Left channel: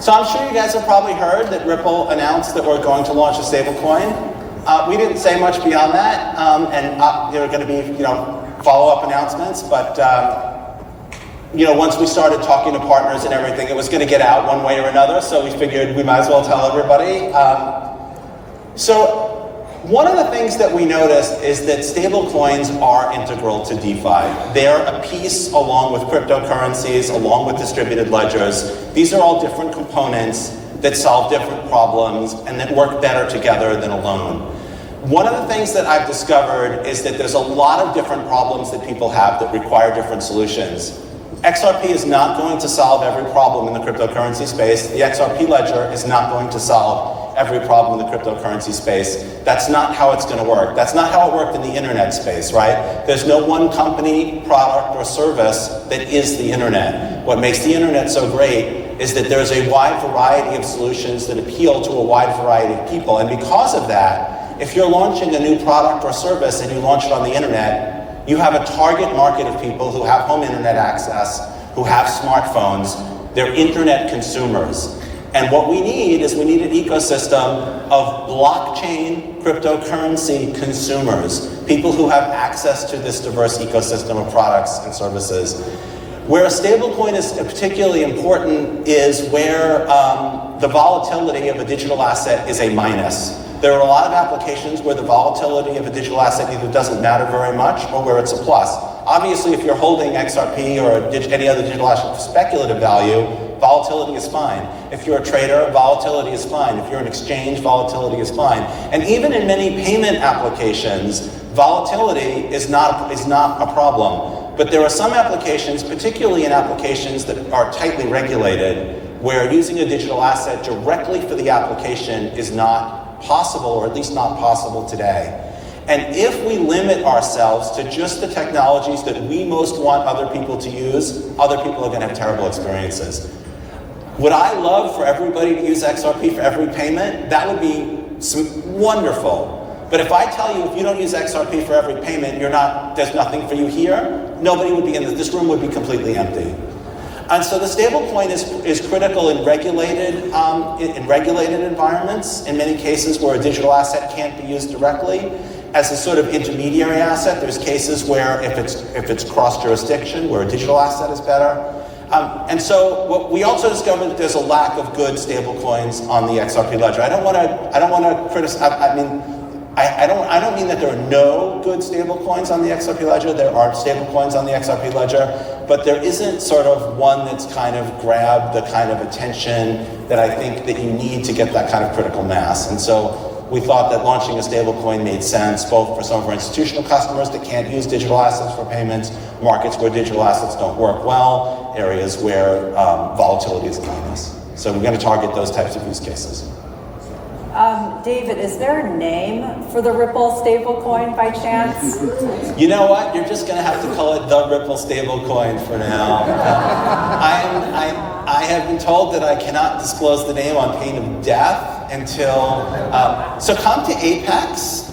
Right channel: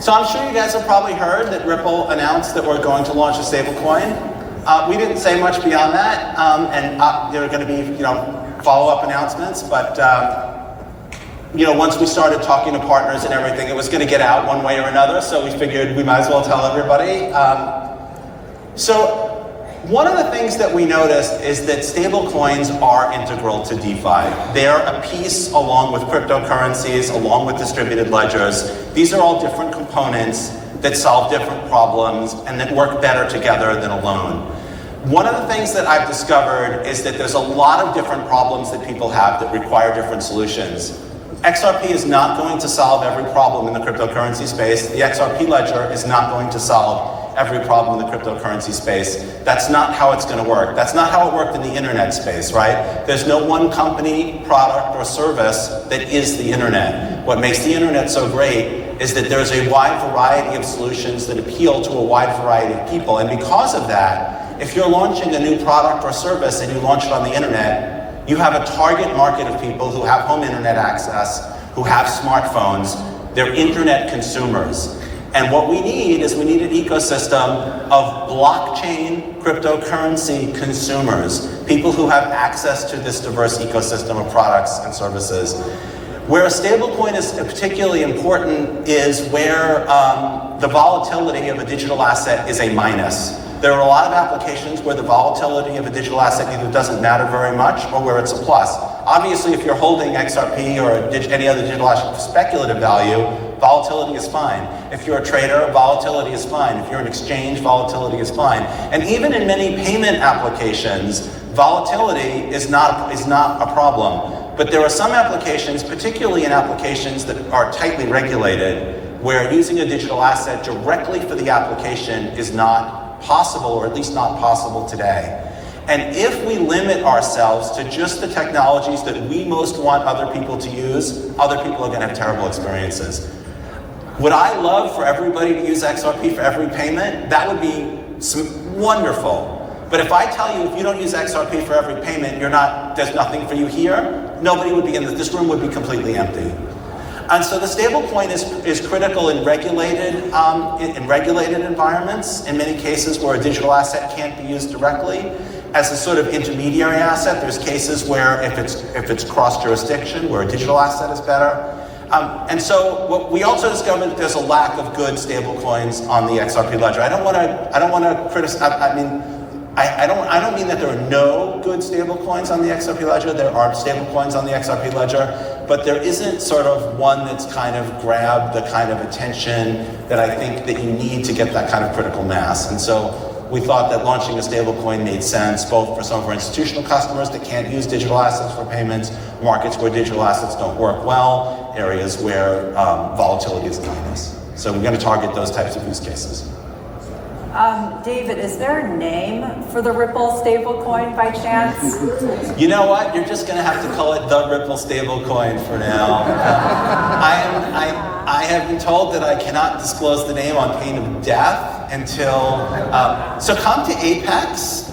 So I'm sure you guys have probably heard that Ripple announced that we're going to launch a stablecoin. We didn't say much beyond that, and there are going to be, follow-up announcements. But once we started talking to partners and everything, it was going to get out one way or another. So we figured we might as well tell everybody. So one of the things that we noticed is that stablecoins are integral to DeFi. They're a piece along with cryptocurrencies, along with distributed ledgers. These are all different components that solve different problems and that work better together than alone. One of the things that I've discovered is that there's a lot of different problems that people have that require different solutions. XRP is not going to solve every problem in the cryptocurrency space. The XRP ledger is not going to solve every problem in the cryptocurrency space. That's not how it's going to work. That's not how it worked in the internet space, right? There's no one company, product, or service that is the internet. What makes the internet so great is that there's a wide variety of solutions that appeal to a wide variety of people. And because of that, if you're launching a new product or service and you launch it on the internet, you have a target market of people who have home internet access, who have smartphones. They're internet consumers. And what we need is we need an ecosystem of blockchain cryptocurrency consumers, people who have access to this diverse ecosystem of products and services. Where a stablecoin is particularly important is where the volatility of a digital asset is a minus. There are a lot of applications where the volatility of a digital asset either doesn't matter very much or where it's a plus. Obviously, if you're holding XRP or any other digital asset for speculative value, volatility is fine. If you're a trader, volatility is fine. If you're an exchange, volatility is fine. And even in many payment applications, volatility is not a problem. But there are some applications, particularly in applications that are tightly regulated, where using a digital asset directly for the application is not possible, or at least not possible today. And if we limit ourselves to just the technologies that we most want other people to use, other people are going to have terrible experiences. Would I love for everybody to use XRP for every payment? That would be wonderful. But if I tell you if you don't use XRP for every payment, there's nothing for you here, nobody would be in this room would be completely empty. And so the stablecoin is critical in regulated environments, in many cases where a digital asset can't be used directly. As a sort of intermediary asset, there's cases where if it's cross-jurisdiction, where a digital asset is better. And so what we also discovered there's a lack of good stablecoins on the XRP ledger. I don't want to criticize. I don't mean that there are no good stablecoins on the XRP ledger. There are stablecoins on the XRP ledger, but there isn't sort of one that's kind of grabbed the kind of attention that I think that you need to get that kind of critical mass. And so we thought that launching a stablecoin made sense, both for some of our institutional customers that can't use digital assets for payments, markets where digital assets don't work well, areas where volatility is minus. So we're going to target those types of use cases. David, is there a name for the Ripple stablecoin by chance? You know what? You're just going to have to call it the Ripple stablecoin for now. I have been told that I cannot disclose the name on pain of death until... so come to Apex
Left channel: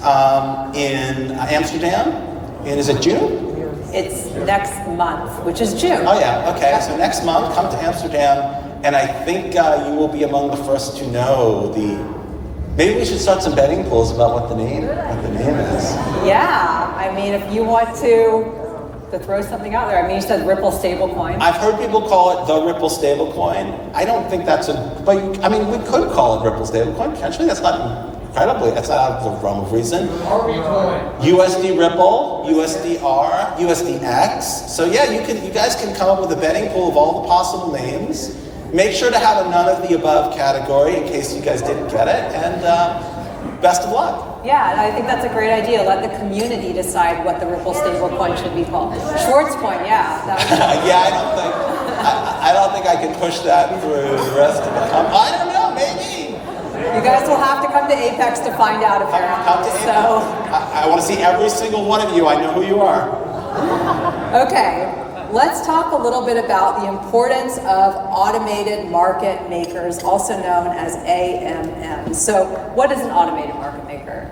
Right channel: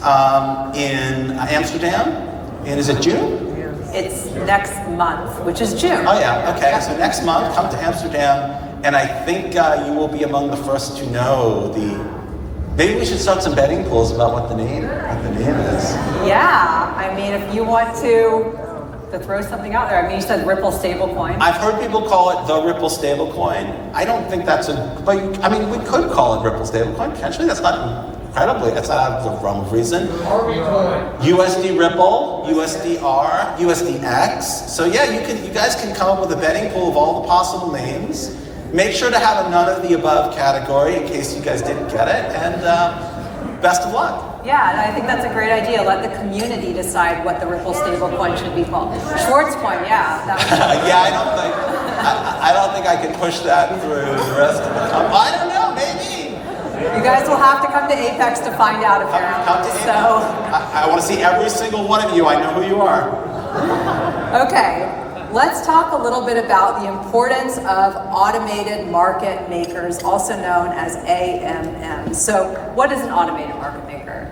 in Amsterdam. And is it June? It's next month, which is June. Oh yeah, okay. So next month, come to Amsterdam, and I think you will be among the first to know the... Maybe we should start some betting pools about what the name is. Yeah, I mean, if you want to throw something out there. I mean, you said Ripple stablecoin. I've heard people call it the Ripple stablecoin. I don't think that's but I mean, we could call it Ripple stablecoin. Potentially, that's not that's not out of the realm of reason. USD Ripple, USDR, USDX. So yeah, you guys can come up with a betting pool of all the possible names. Make sure to have a none of the above category in case you guys didn't get it, and best of luck. Yeah, and I think that's a great idea. Let the community decide what the Ripple stablecoin should be called. Schwarzcoin, yeah. Yeah, I don't think I can push that through the rest of the company. I don't know, maybe. You guys will have to come to Apex to find out if you're come to Apex. I want to see every single one of you. I know who you are. Okay. Let's talk a little bit about the importance of automated market makers, also known as AMM. So what is an automated market maker?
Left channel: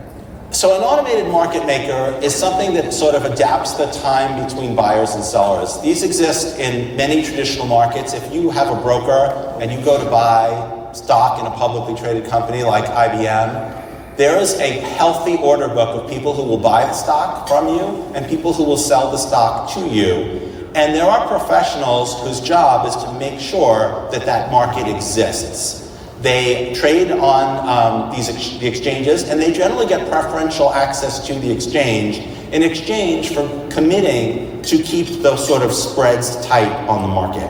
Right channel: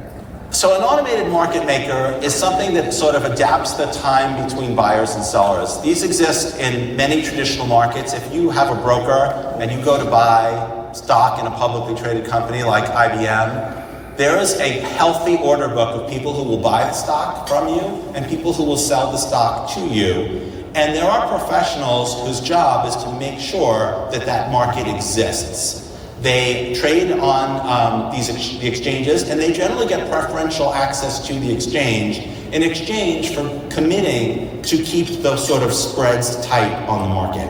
So an automated market maker is something that sort of adapts the time between buyers and sellers. These exist in many traditional markets. If you have a broker and you go to buy stock in a publicly traded company like IBM, there is a healthy order book of people who will buy the stock from you and people who will sell the stock to you. And there are professionals whose job is to make sure that that market exists. They trade on the exchanges, and they generally get preferential access to the exchange in exchange for committing to keep those sort of spreads tight on the market.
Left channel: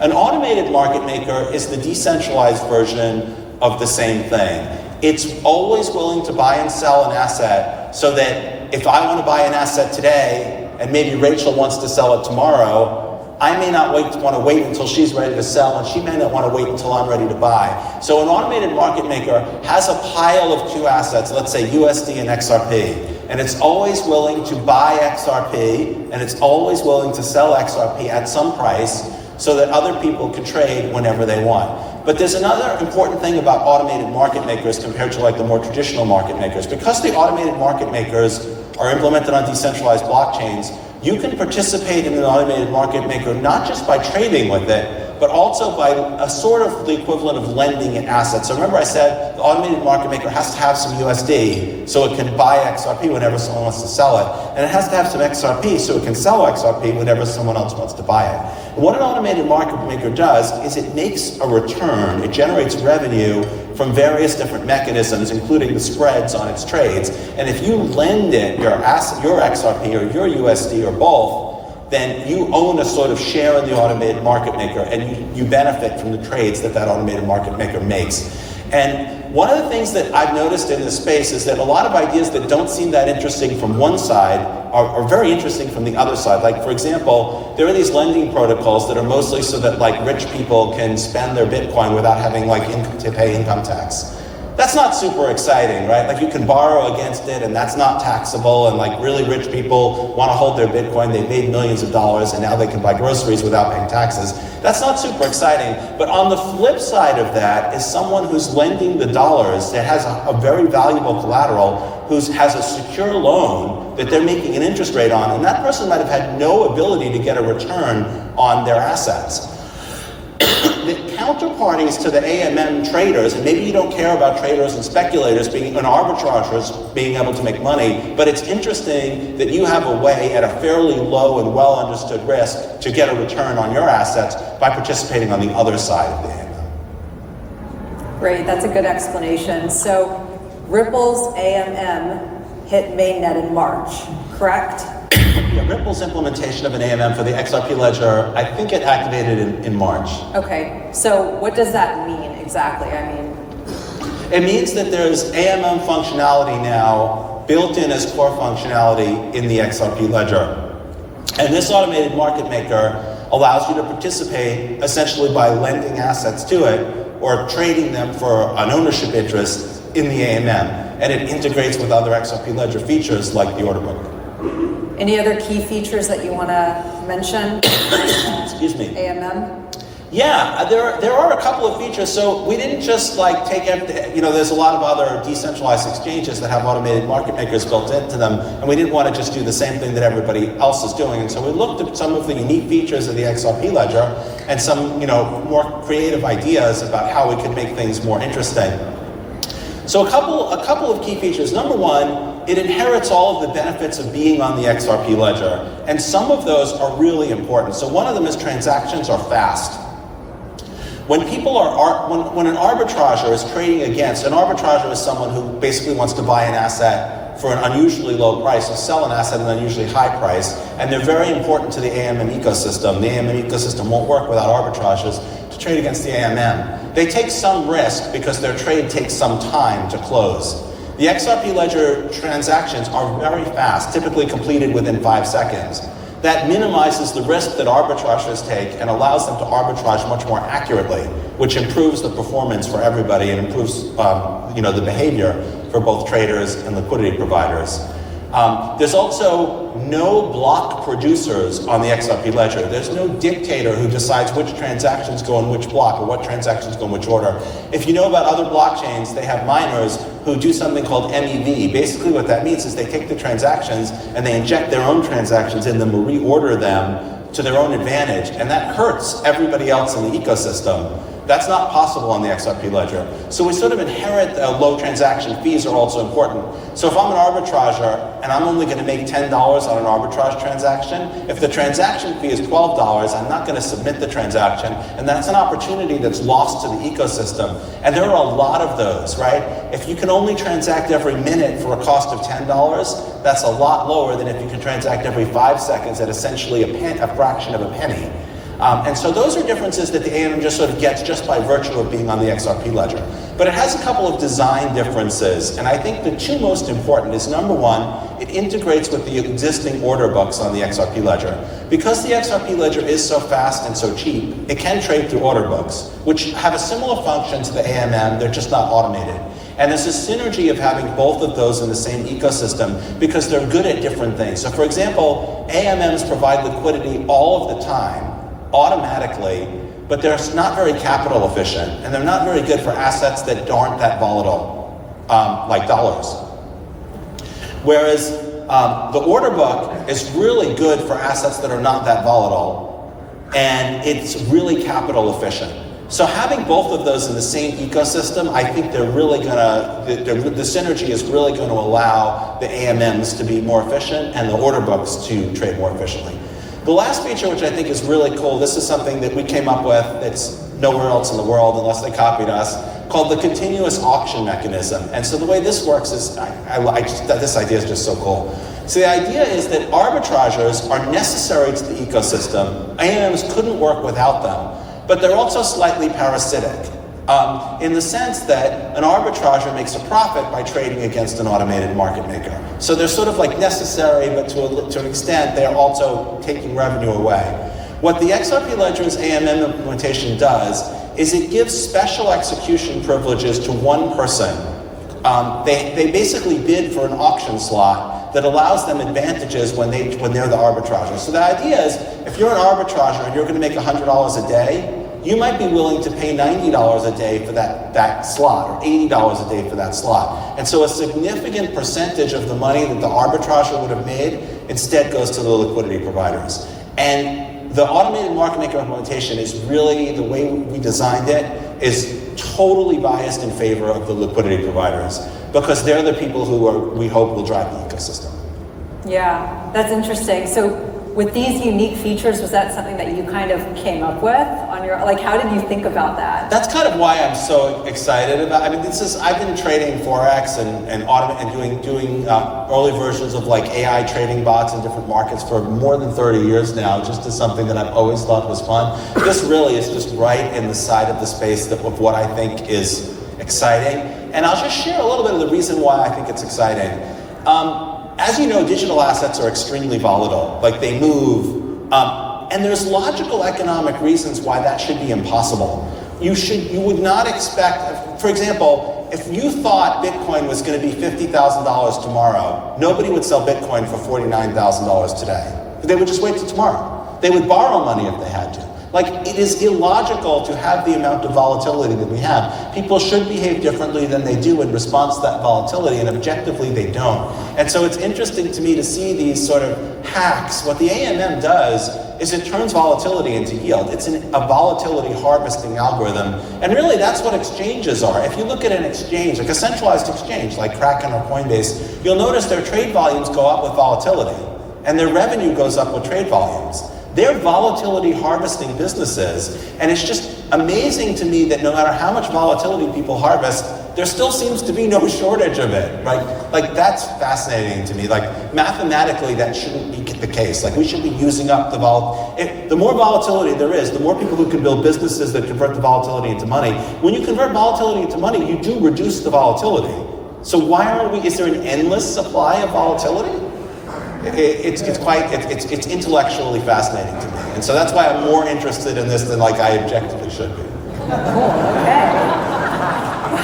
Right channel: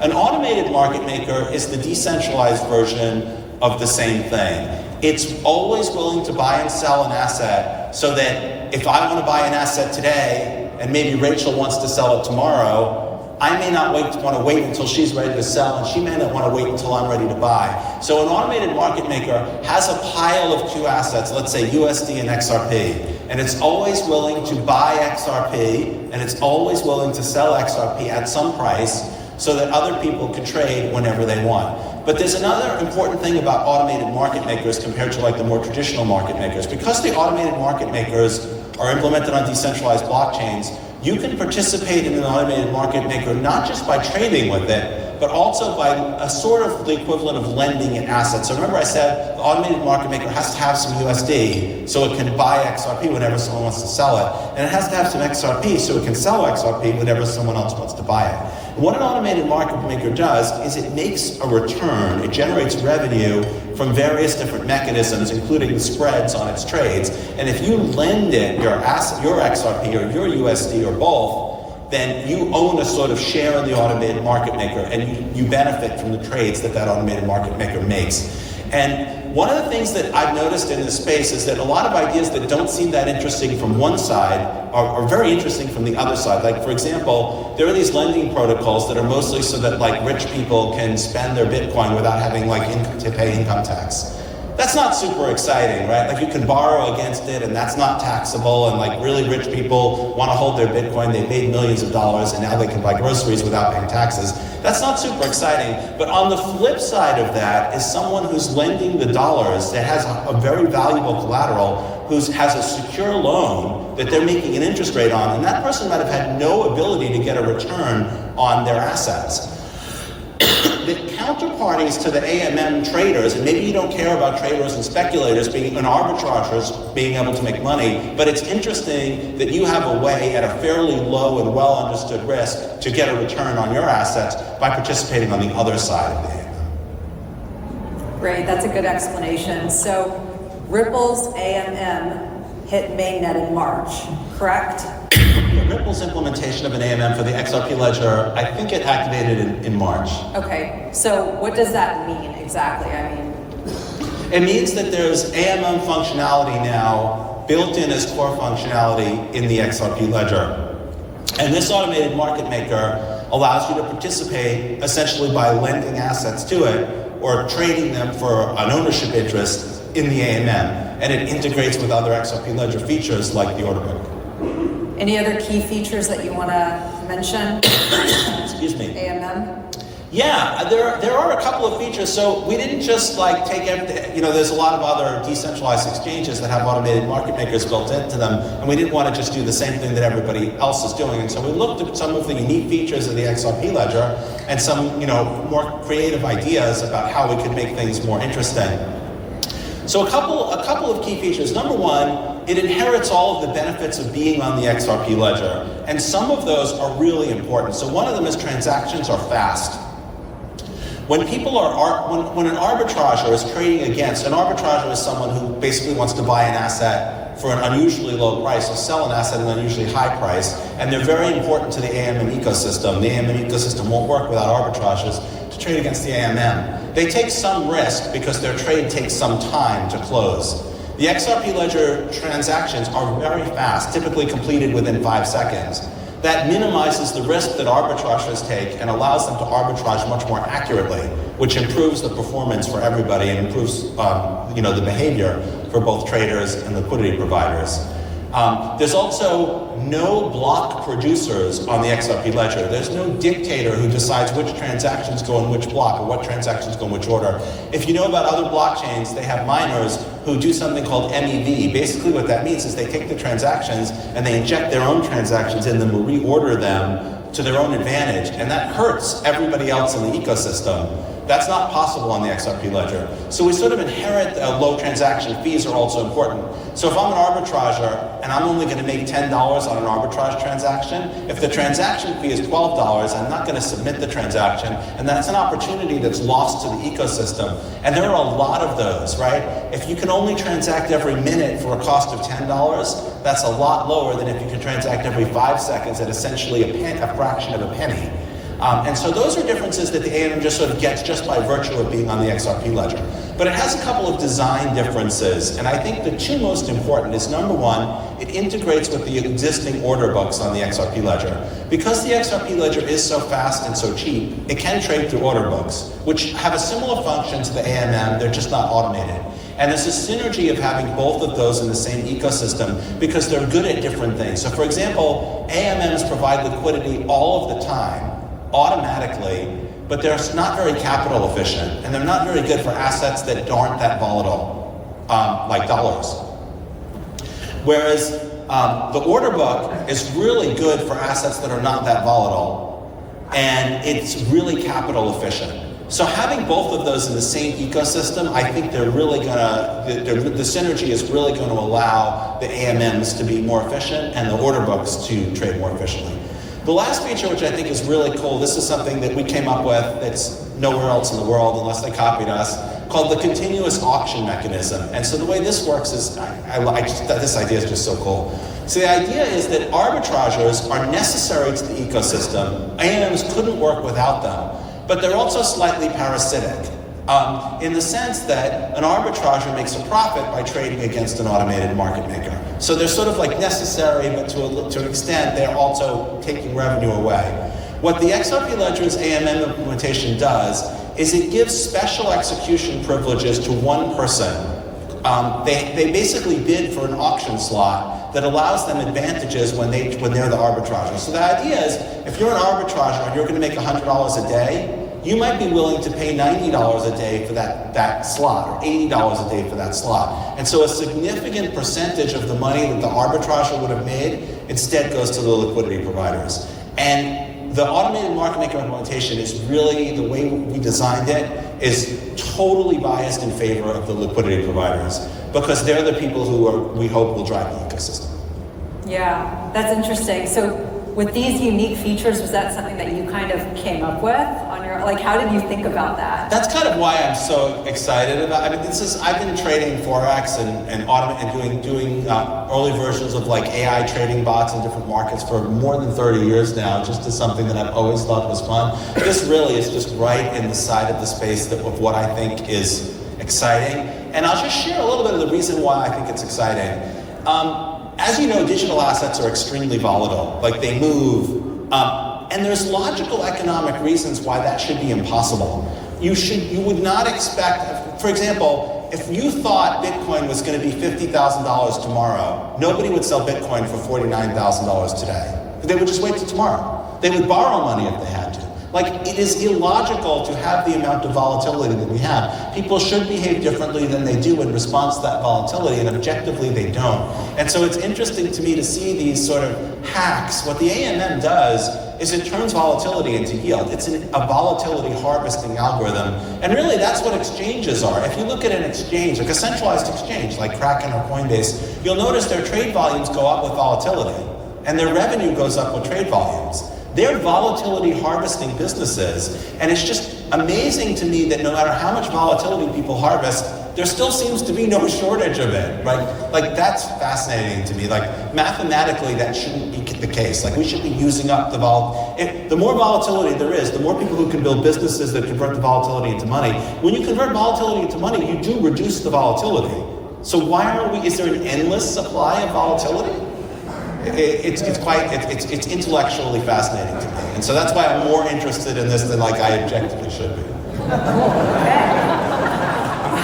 An automated market maker is the decentralized version of the same thing. It's always willing to buy and sell an asset so that if I want to buy an asset today, and maybe Rachel wants to sell it tomorrow, I may not want to wait until she's ready to sell, and she may not want to wait until I'm ready to buy. So an automated market maker has a pile of two assets, let's say USD and XRP, and it's always willing to buy XRP, and it's always willing to sell XRP at some price so that other people can trade whenever they want. But there's another important thing about automated market makers compared to like the more traditional market makers. Because the automated market makers are implemented on decentralized blockchains, you can participate in an automated market maker not just by trading with it, but also by a sort of the equivalent of lending it assets. So remember I said the automated market maker has to have some USD so it can buy XRP whenever someone wants to sell it. And it has to have some XRP so it can sell XRP whenever someone else wants to buy it. And what an automated market maker does is it makes a return. It generates revenue from various different mechanisms, including the spreads on its trades. And if you lend it your XRP or your USD or both, then you own a sort of share in the automated market maker, and you benefit from the trades that that automated market maker makes. And one of the things that I've noticed in this space is that a lot of ideas that don't seem that interesting from one side are very interesting from the other side. Like, for example, there are these lending protocols that are mostly so that like rich people can spend their Bitcoin without having like to pay income tax. That's not super exciting, right? Like you can borrow against it and that's not taxable, and like really rich people want to hold their Bitcoin, they've made millions of dollars and now they can buy groceries without paying taxes. That's not super exciting. But on the flip side of that is someone who's lending the dollars that has a very valuable collateral, who has a secure loan that they're making an interest rate on, and that person might have had no ability to get a return on their assets. The counterparties to the AMM traders, and maybe you don't care about traders and speculators being and arbitrageurs being able to make money, but it's interesting that you have a way at a fairly low and well understood risk to get a return on your assets by participating on the other side of the AMM. Great, that's a good explanation. So Ripple's AMM hit mainnet in March, correct? Ripple's implementation of an AMM for the XRP ledger, I think it activated in March. Okay, so what does that mean exactly? I mean, it means that there's AMM functionality now built in as core functionality in the XRP ledger. And this automated market maker allows you to participate essentially by lending assets to it or trading them for an ownership interest in the AMM. And it integrates with other XRP ledger features like the order book. Any other key features that you want to mention? Excuse me. AMM? Yeah, there are a couple of features. So we didn't just like take everything, there's a lot of other decentralized exchanges that have automated market makers built into them, and we didn't want to just do the same thing that everybody else is doing. And so we looked at some of the unique features of the XRP ledger and some, more creative ideas about how we could make things more interesting. So a couple of key features. Number one, it inherits all of the benefits of being on the XRP ledger, and some of those are really important. So one of them is transactions are fast. When people when an arbitrager is trading against, an arbitrager is someone who basically wants to buy an asset for an unusually low price or sell an asset at an unusually high price, and they're very important to the AMM ecosystem. The AMM ecosystem won't work without arbitrageurs to trade against the AMM. They take some risk because their trade takes some time to close. The XRP ledger transactions are very fast, typically completed within 5 seconds. That minimizes the risk that arbitrageurs take and allows them to arbitrage much more accurately, which improves the performance for everybody and improves the behavior for both traders and liquidity providers. There's also no block producers on the XRP ledger. There's no dictator who decides which transactions go in which block or what transactions go in which order. If you know about other blockchains, they have miners who do something called MEV. Basically what that means is they take the transactions and they inject their own transactions in them or reorder them to their own advantage, and that hurts everybody else in the ecosystem. That's not possible on the XRP ledger. So we sort of inherit low transaction fees are also important. So if I'm an arbitrager and I'm only going to make $10 on an arbitrage transaction, if the transaction fee is $12, I'm not going to submit the transaction, and that's an opportunity that's lost to the ecosystem. And there are a lot of those, right? If you can only transact every minute for a cost of $10, that's a lot lower than if you can transact every 5 seconds at essentially a fraction of a penny. And so those are differences that the AMM just sort of gets just by virtue of being on the XRP ledger. But it has a couple of design differences, and I think the two most important is, number one, it integrates with the existing order books on the XRP ledger. Because the XRP ledger is so fast and so cheap, it can trade through order books, which have a similar function to the AMM, they're just not automated. And there's a synergy of having both of those in the same ecosystem because they're good at different things. So for example, AMMs provide liquidity all of the time, automatically, but they're not very capital efficient, and they're not very good for assets that aren't that volatile, like dollars. Whereas the order book is really good for assets that are not that volatile, and it's really capital efficient. So having both of those in the same ecosystem, I think they're really gonna, the synergy is really going to allow the AMMs to be more efficient and the order books to trade more efficiently. The last feature, which I think is really cool, this is something that we came up with that's nowhere else in the world unless they copied us, called the continuous auction mechanism. And so the way this works is, this idea is just so cool. So the idea is that arbitrageurs are necessary to the ecosystem. AMMs couldn't work without them, but they're also slightly parasitic. In the sense that an arbitrager makes a profit by trading against an automated market maker. So they're sort of like necessary, but to an extent, they're also taking revenue away. What the XRP Ledger's AMM implementation does is it gives special execution privileges to one person. They basically bid for an auction slot that allows them advantages when they're the arbitrager. So the idea is, if you're an arbitrager and you're going to make $100 a day, you might be willing to pay $90 a day for that slot, or $80 a day for that slot. And so a significant percentage of the money that the arbitrager would have made instead goes to the liquidity providers. And the automated market maker implementation is really, the way we designed it, is totally biased in favor of the liquidity providers, because they're the people who we hope will drive the ecosystem. Yeah, that's interesting. So with these unique features, was that something that you kind of came up with on your, like, how did you think about that? That's kind of why I'm so excited about, I mean, I've been trading Forex and doing early versions of like AI trading bots in different markets for more than 30 years now, just as something that I've always thought was fun. This really is just right in the side of the space of what I think is exciting. And I'll just share a little bit of the reason why I think it's exciting. As you know, digital assets are extremely volatile, like they move, and there's logical economic reasons why that should be impossible. You would not expect, for example, if you thought Bitcoin was going to be $50,000 tomorrow, nobody would sell Bitcoin for $49,000 today. They would just wait till tomorrow. They would borrow money if they had to. Like, it is illogical to have the amount of volatility that we have. People should behave differently than they do in response to that volatility, and objectively they don't. And so it's interesting to me to see these sort of hacks. What the AMM does is it turns volatility into yield. It's a volatility harvesting algorithm. And really that's what exchanges are. If you look at an exchange, like a centralized exchange, like Kraken or Coinbase, you'll notice their trade volumes go up with volatility, and their revenue goes up with trade volumes. They're volatility harvesting businesses, and it's just amazing to me that no matter how much volatility people harvest, there still seems to be no shortage of it, right? Like, that's fascinating to me. Like, mathematically, that shouldn't be the case. Like, we should be using up the the more volatility there is, the more people who can build businesses that convert the volatility into money. When you convert volatility into money, you do reduce the volatility. So is there an endless supply of volatility? It's intellectually fascinating to me. And so that's why I'm more interested in this than like I objectively should be. Okay.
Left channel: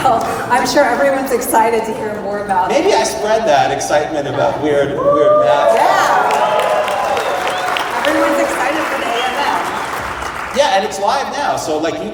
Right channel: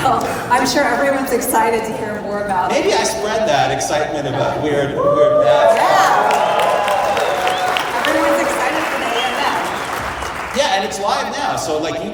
Well, I'm sure everyone's excited to hear more about it. Maybe I spread that excitement about weird math. Yeah. Everyone's excited for the AMM. Yeah, and it's live now. So like you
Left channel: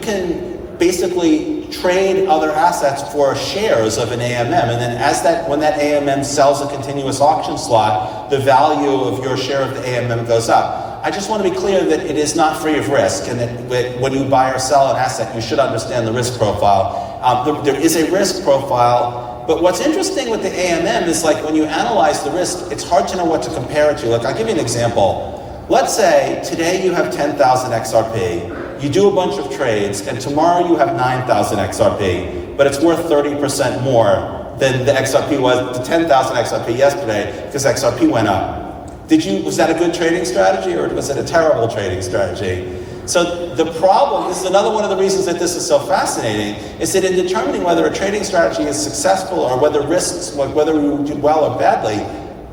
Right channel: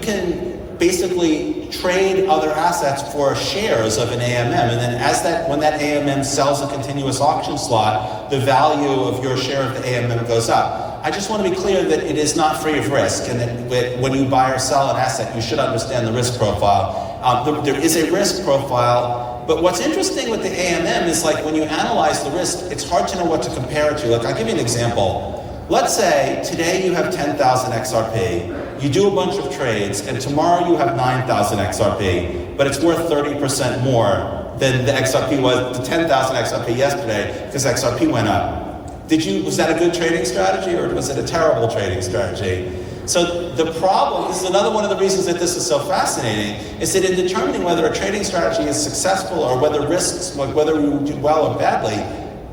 can basically trade other assets for shares of an AMM, and then when that AMM sells a continuous auction slot, the value of your share of the AMM goes up. I just want to be clear that it is not free of risk, and that when you buy or sell an asset, you should understand the risk profile. There is a risk profile, but what's interesting with the AMM is like when you analyze the risk, it's hard to know what to compare it to. Like, I'll give you an example. Let's say today you have 10,000 XRP, you do a bunch of trades, and tomorrow you have 9,000 XRP, but it's worth 30% more than the XRP was, the 10,000 XRP yesterday, because XRP went up. Was that a good trading strategy, or was it a terrible trading strategy? So the problem, this is another one of the reasons that this is so fascinating, is that in determining whether a trading strategy is successful or whether risks, like whether you do well or badly,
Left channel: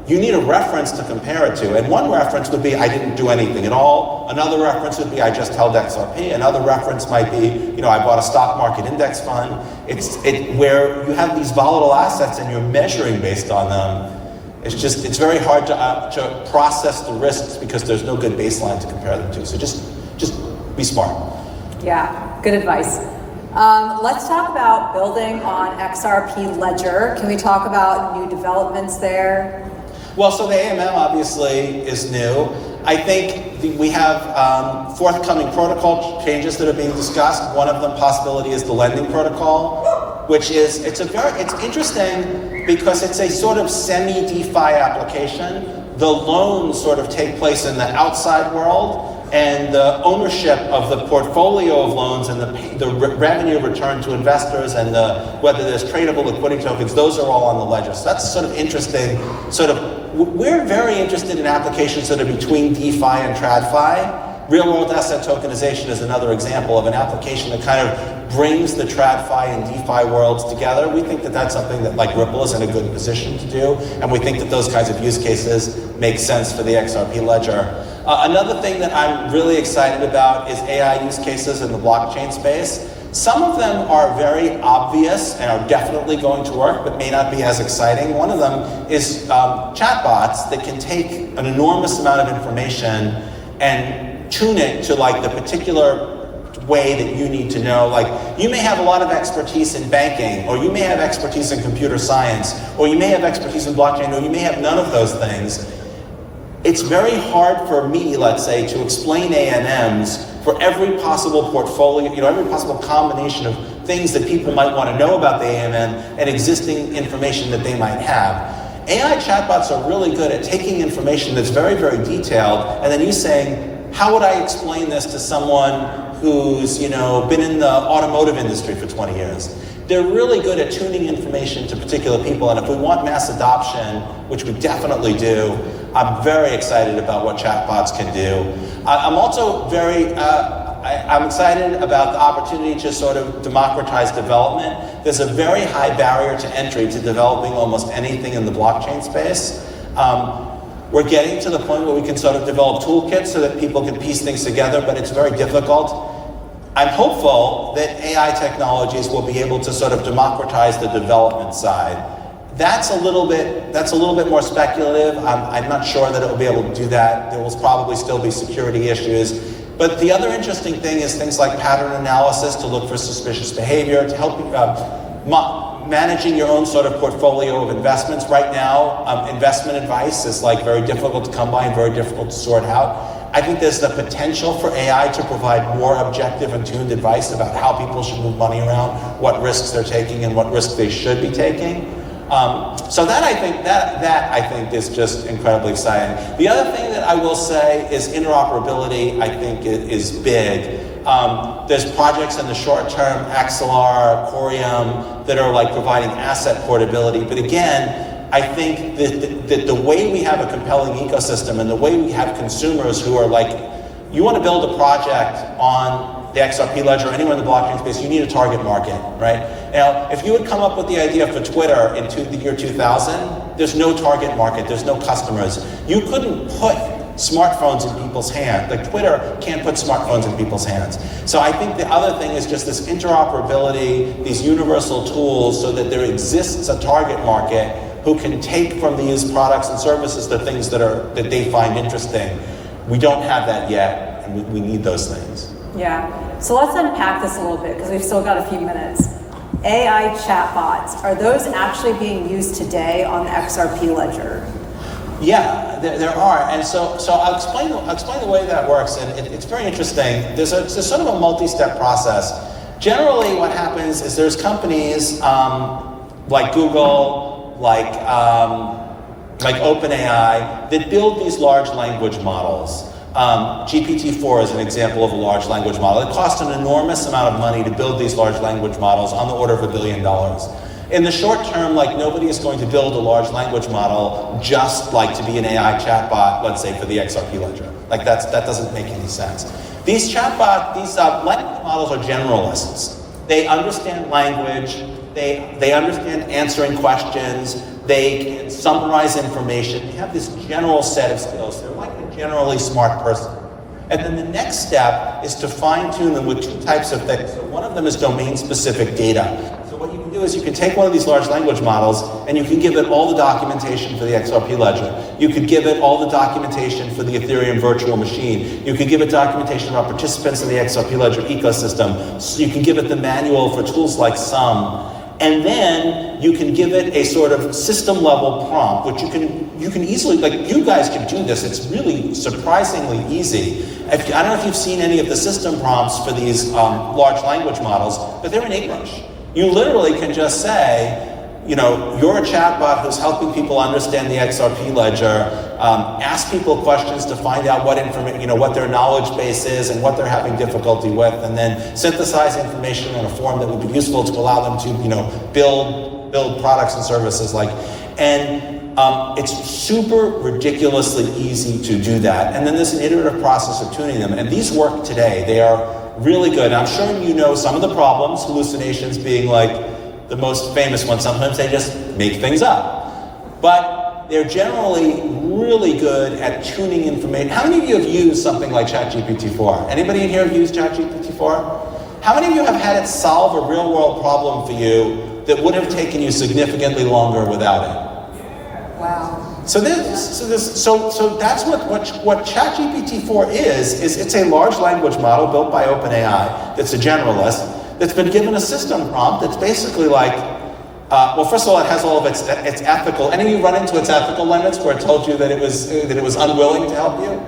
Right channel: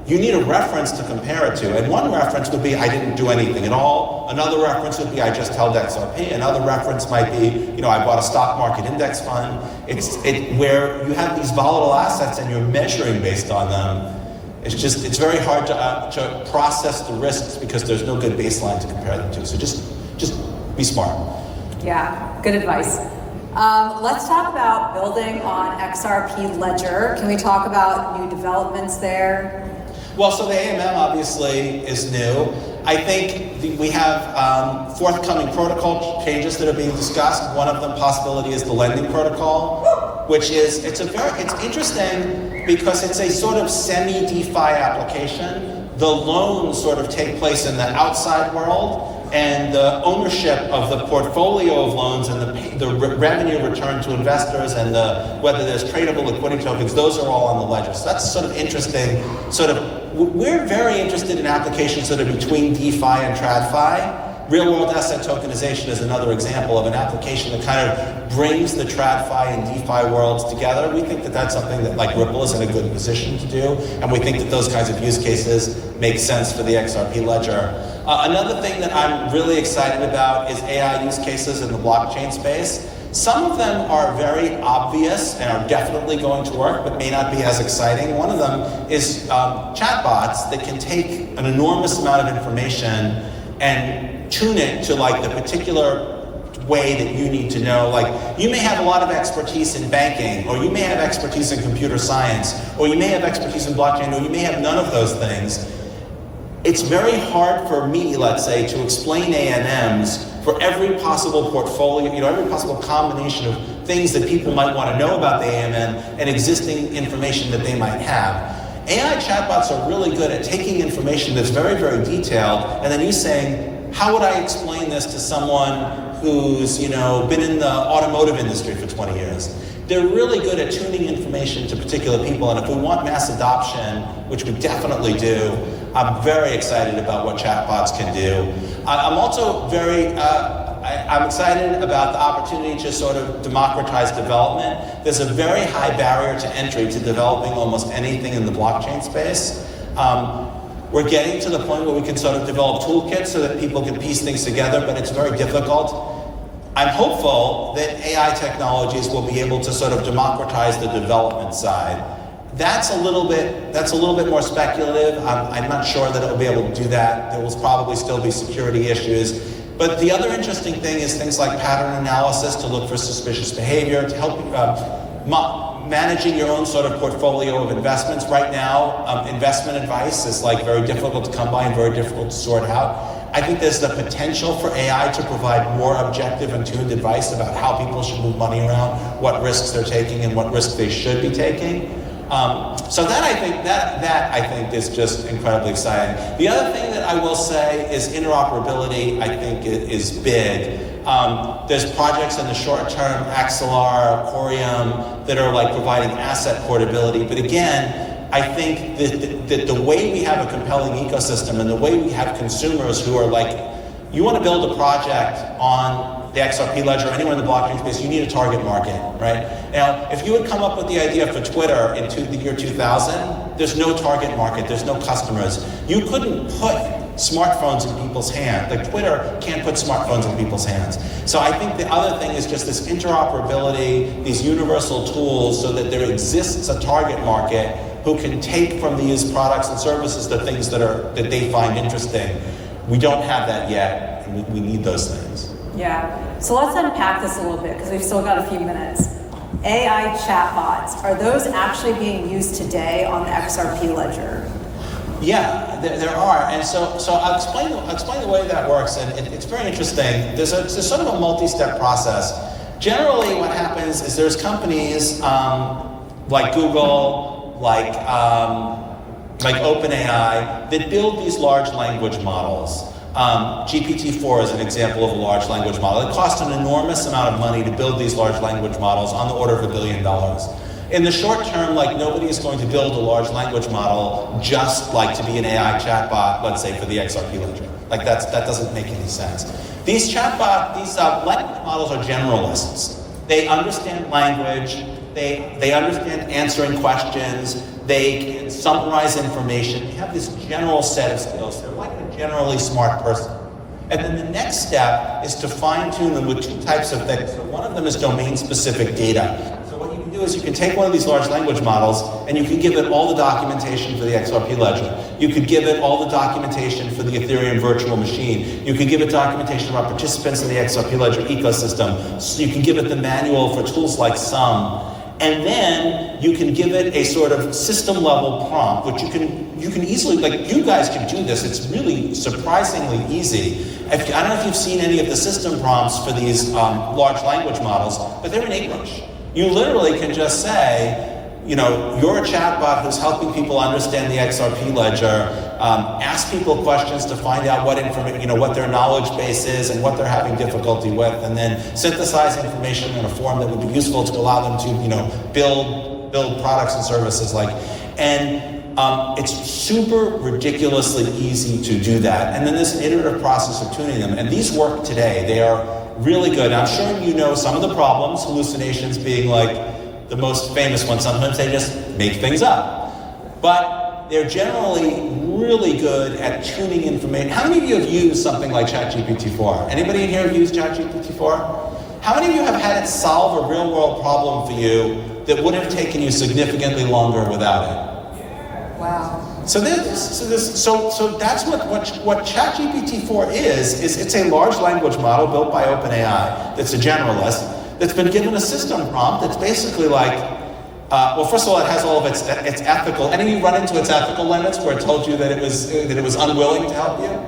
you need a reference to compare it to. And one reference would be, I didn't do anything at all. Another reference would be, I just held XRP. Another reference might be, I bought a stock market index fund. Where you have these volatile assets and you're measuring based on them. It's very hard to process the risks because there's no good baseline to compare them to. So just be smart. Yeah, good advice. Let's talk about building on XRP Ledger. Can we talk about new developments there? Well, so the AMM obviously is new. I think we have forthcoming protocol changes that are being discussed. One of them possibility is the lending protocol, which is, it's interesting because it's a sort of semi-DeFi application. The loans sort of take place in the outside world, and the ownership of the portfolio of loans and the revenue return to investors and whether there's tradable liquidity tokens, those are all on the ledger. So that's sort of interesting. We're very interested in applications that are between DeFi and TradFi. Real-world asset tokenization is another example of an application that kind of brings the TradFi and DeFi worlds together. We think that that's something that like Ripple is in a good position to do, and we think that those kinds of use cases make sense for the XRP ledger. Another thing that I'm really excited about is AI use cases in the blockchain space. Some of them are very obvious and are definitely going to work, but may not be as exciting. One of them is chatbots that can take an enormous amount of information and tune it to like the particular way that you need to know. Like, you may have a lot of expertise in banking, or you may have expertise in computer science, or you may have expertise in blockchain, or you may have none of those things. It's very hard for me, let's say, to explain AMMs for every possible portfolio, every possible combination of things that people might want to know about the AMM and existing information that they might have. AI chatbots are really good at taking information that's very, very detailed, and then you saying, how would I explain this to someone who's, been in the automotive industry for 20 years? They're really good at tuning information to particular people, and if we want mass adoption, which we definitely do, I'm very excited about what chatbots can do. I'm also I'm excited about the opportunity to sort of democratize development. There's a very high barrier to entry to developing almost anything in the blockchain space. We're getting to the point where we can sort of develop toolkits so that people can piece things together, but it's very difficult. I'm hopeful that AI technologies will be able to sort of democratize the development side. That's a little bit more speculative. I'm not sure that it will be able to do that. There will probably still be security issues. But the other interesting thing is things like pattern analysis to look for suspicious behavior, to help managing your own sort of portfolio of investments. Right now, investment advice is like very difficult to come by and very difficult to sort out. I think there's the potential for AI to provide more objective and tuned advice about how people should move money around, what risks they're taking and what risks they should be taking. So that I think is just incredibly exciting. The other thing that I will say is interoperability, I think, is big. There's projects in the short term, Axelar, Corium, that are like providing asset portability. But again, I think that the way we have a compelling ecosystem and the way we have consumers who are like, you want to build a project on the XRP ledger, or anywhere in the blockchain space, you need a target market, right? Now, if you had come up with the idea for Twitter in the year 2000, there's no target market, there's no customers. You couldn't put smartphones in people's hands. Like Twitter can't put smartphones in people's hands. So I think the other thing is just this interoperability, these universal tools, so that there exists a target market who can take from these products and services the things that they find interesting. We don't have that yet, and we need those things. Yeah. So let's unpack this a little bit because we've still got a few minutes. AI chatbots, are those actually being used today on the XRP ledger? Yeah, there are, and so I'll explain the way that works, and it's very interesting. There's sort of a multi-step process. Generally, what happens is there's companies like Google, like OpenAI, that build these large language models. GPT-4 is an example of a large language model. It costs an enormous amount of money to build these large language models, on the order of $1 billion. In the short term, like, nobody is going to build a large language model just like to be an AI chatbot, let's say, for the XRP ledger. Like, that doesn't make any sense. These language models are generalists. They understand language, they understand answering questions, they can summarize information, they have this general set of skills. They're like a generally smart person. And then the next step is to fine-tune them with two types of things. So one of them is domain-specific data. So what you can do is you can take one of these large language models and you can give it all the documentation for the XRP ledger. You could give it all the documentation for the Ethereum virtual machine. You could give it documentation about participants in the XRP ledger ecosystem. So you can give it the manual for tools like Sum. And then you can give it a sort of system-level prompt, which you can easily, like, you guys can do this. It's really surprisingly easy. I don't know if you've seen any of the system prompts for these large language models, but they're in English. You literally can just say, you know, you're a chatbot who's helping people understand the XRP ledger, ask people questions to find out what information, you know, what their knowledge base is and what they're having difficulty with, and then synthesize information in a form that would be useful to allow them to, you know, build products and services like, and it's super ridiculously easy to do that. And then there's an iterative process of tuning them, and these work today. They are really good. And I'm sure you know some of the problems, hallucinations being like the most famous one. Sometimes they just make things up. But they're generally really good at tuning information. How many of you have used something like ChatGPT-4? Anybody in here have used ChatGPT-4? How many of you have had it solve a real-world problem for you that would have taken you significantly longer without it? Wow. So that's what ChatGPT-4 is it's a large language model built by OpenAI that's a generalist, that's been given a system prompt that's basically like, well, first of all, it has all of its ethical. Any of you run into its ethical limits where it told you that it was unwilling to help you?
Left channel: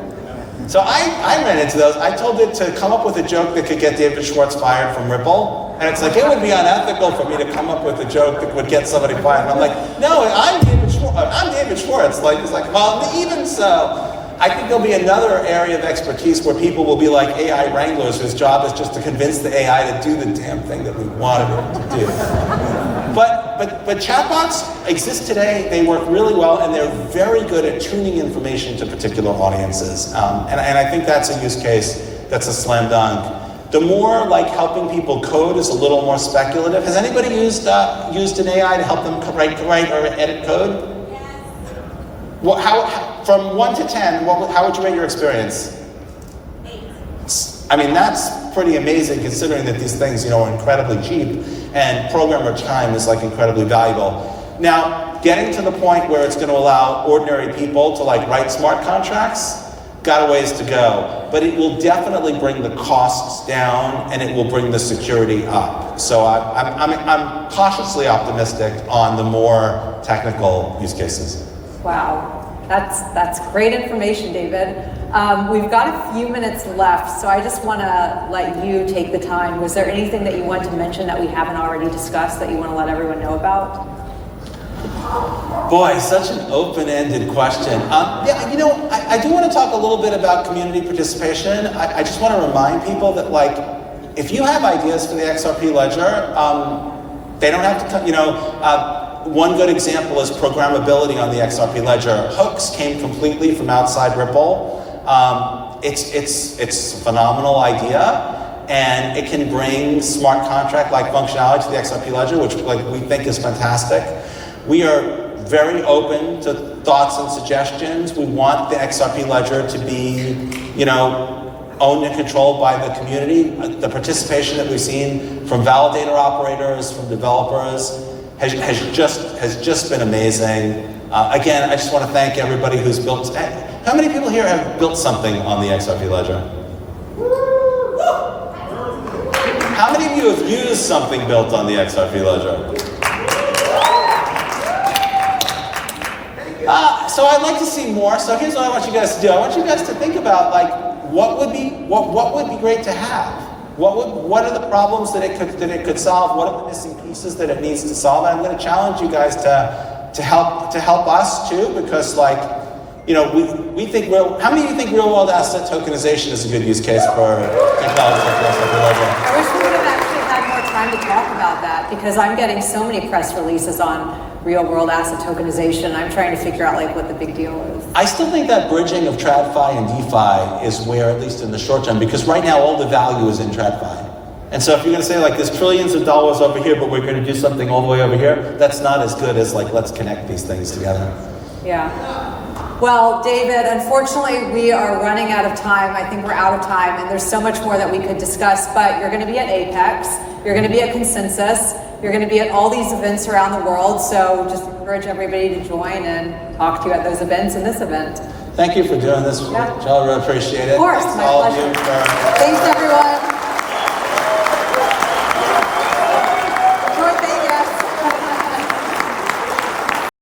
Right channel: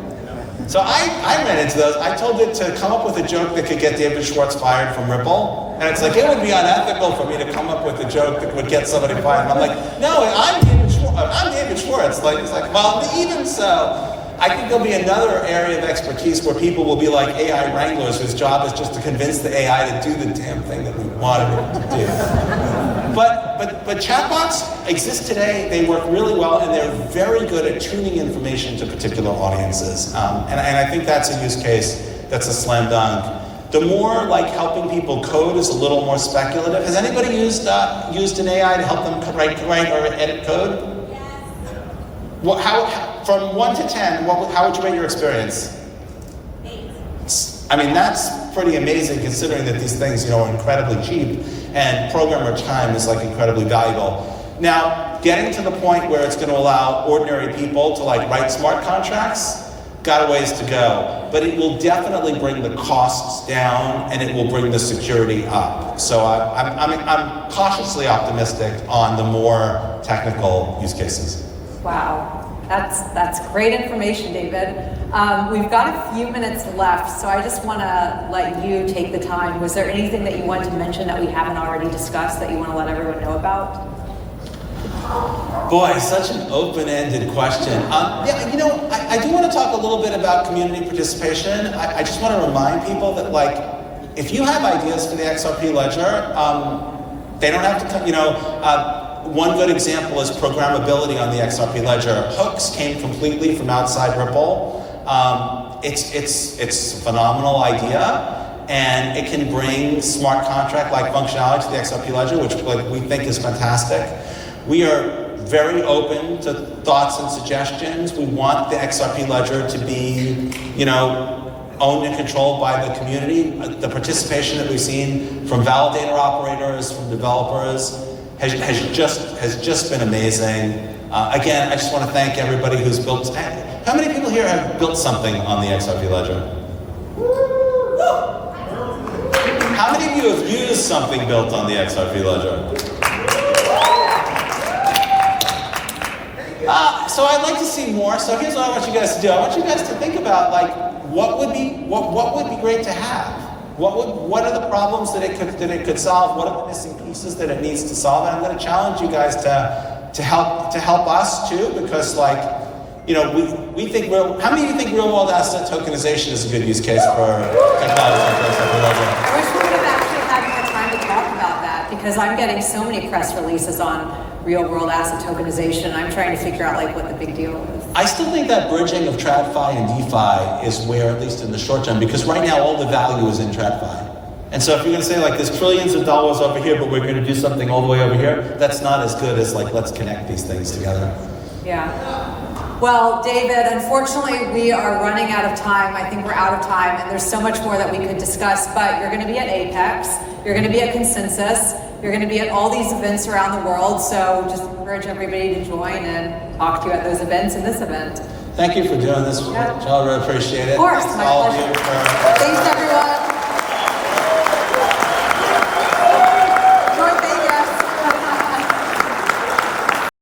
So I ran into those. I told it to come up with a joke that could get David Schwartz fired from Ripple, and it's like, it would be unethical for me to come up with a joke that would get somebody fired. And I'm like, no, I'm David Schwartz. Like, it's like, well, even so, I think there'll be another area of expertise where people will be like AI wranglers whose job is just to convince the AI to do the damn thing that we wanted it to do. But chatbots exist today. They work really well, and they're very good at tuning information to particular audiences. And I think that's a use case that's a slam dunk. The more like helping people code is a little more speculative. Has anybody used an AI to help them write or edit code? Well, from 1 to 10, how would you rate your experience? 8. I mean, that's pretty amazing considering that these things, you know, are incredibly cheap and programmer time is like incredibly valuable. Now, getting to the point where it's going to allow ordinary people to like write smart contracts, got a ways to go. But it will definitely bring the costs down and it will bring the security up. So I'm cautiously optimistic on the more technical use cases. Wow, that's great information, David. We've got a few minutes left, so I just want to let you take the time. Was there anything that you want to mention that we haven't already discussed that you want to let everyone know about? Boy, such an open-ended question. Yeah, you know, I do want to talk a little bit about community participation. I just want to remind people that, like, if you have ideas for the XRP ledger, they don't have to come, you know, one good example is programmability on the XRP ledger. Hooks came completely from outside Ripple. It's a phenomenal idea, and it can bring smart contract-like functionality to the XRP ledger, which we think is fantastic. We are very open to thoughts and suggestions. We want the XRP ledger to be, you know, owned and controlled by the community. The participation that we've seen from validator operators, from developers, has just been amazing. Again, I just want to thank everybody who's built. How many people here have built something on the XRP ledger? Woo! is something built on the XRP ledger. So I'd like to see more. So here's what I want you guys to do. I want you guys to think about like what would be great to have. What are the problems that it could solve? What are the missing pieces that it needs to solve? And I'm going to challenge you guys to help us too, because like, you know, we think how many of you think real world asset tokenization is a good use case for technology like XRP ledger? I wish we would have actually had more time to talk about that, because I'm getting so many press releases on real world asset tokenization. I'm trying to figure out like what the big deal is. I still think that bridging of TradFi and DeFi is where, at least in the short term, because right now all the value is in TradFi. And so if you're going to say like there's trillions of dollars over here, but we're going to do something all the way over here, that's not as good as like let's connect these things together. Yeah. Well, David, unfortunately, we are running out of time. I think we're out of time, and there's so much more that we could discuss, but you're going to be at Apex, you're going to be at Consensus, you're going to be at all these events around the world, so just encourage everybody to join and talk to you at those events and this event. Thank you for doing this. Yeah. I really appreciate it. Of course, Thanks my to all of pleasure. you for... Thanks, everyone.